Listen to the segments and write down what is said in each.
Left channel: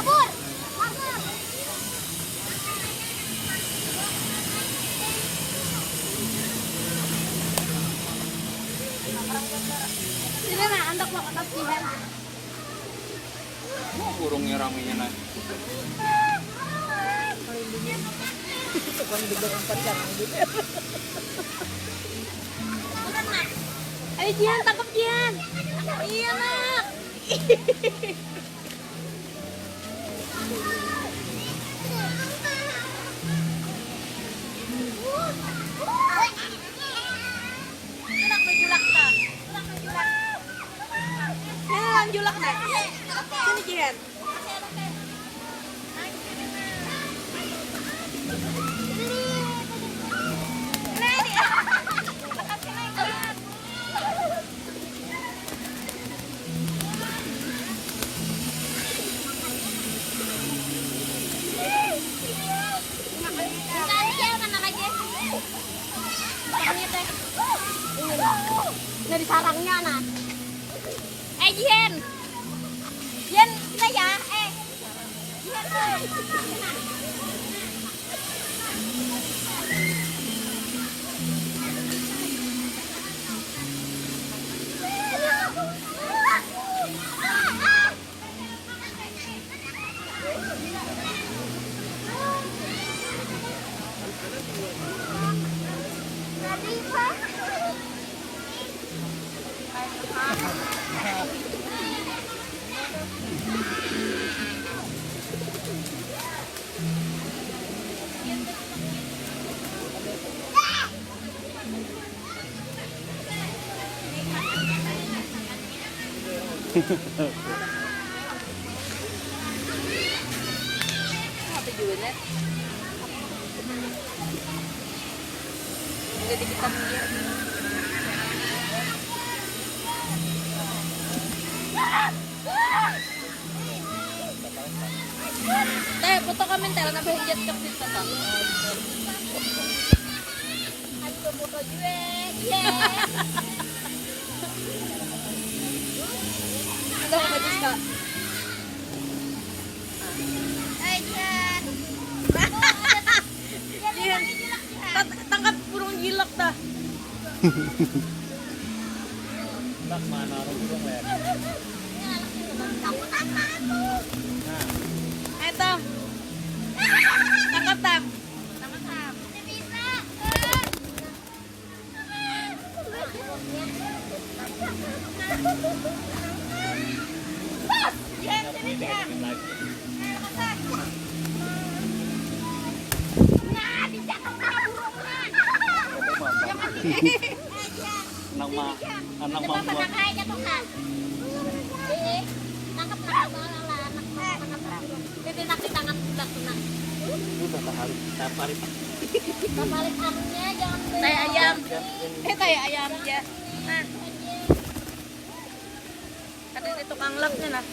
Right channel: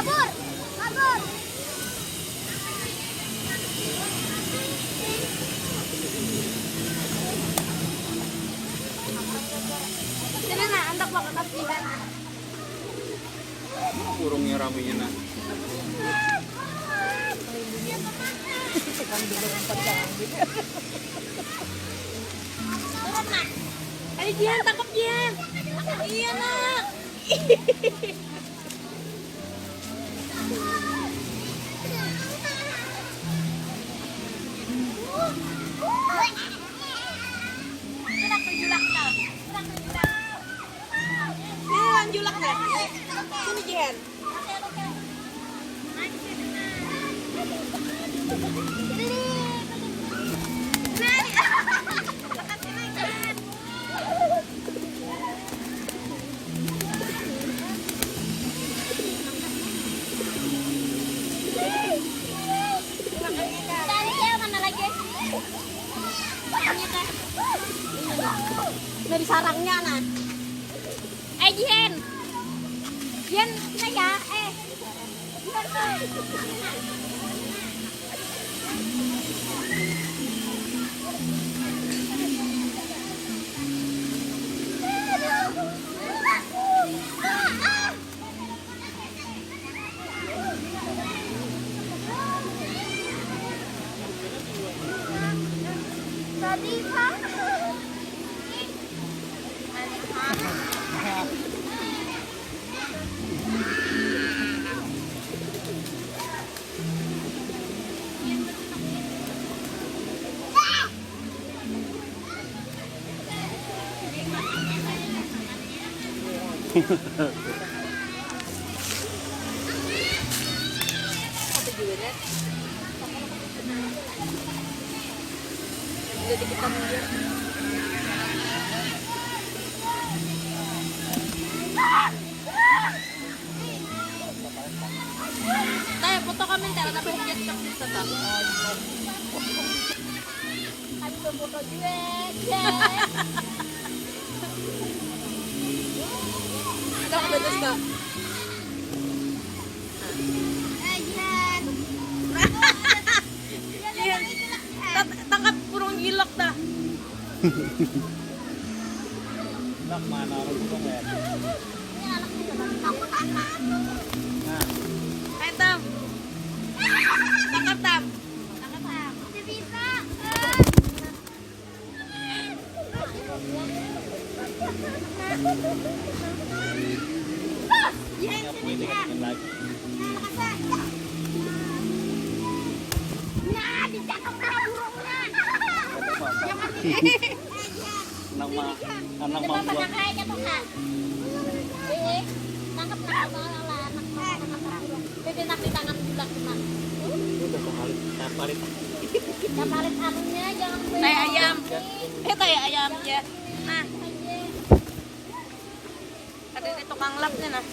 Kabur. Kabur. Sini na, andak mo atas jihan. Kurungnya raminya nah. Ayo Jihan, tangkap Jihan. Iya nak. Julak nak. Sini Jihan. Dari sarangnya nah. Jihan. Jihan, ini ya. Jihan. Tadi Pak. Apa jualnya? Jadi kita minggir. Teh, foto kami tela na bahigyan ka dito ta. Ay, foto juwe. Ada apa betul Kak? Jihan. Jihan. Tangkap burung gilak dah. Nak mana orang burung ya? Nah. Ayo Tam. Tangkap Tam. Tangkap Tam. Masih bisa. Yes, ini dia. Nang ma, nang ma. Tarik anunya jangan Tai ayam. Tai ayam ya. Nah. Ada di tukang lapnya nah.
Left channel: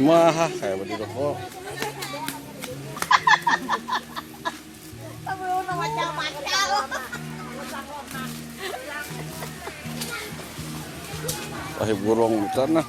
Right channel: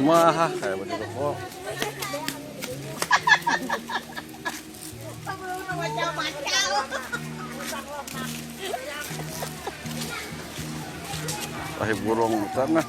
Wah, kayak begitu kok. Tahi burung di sana.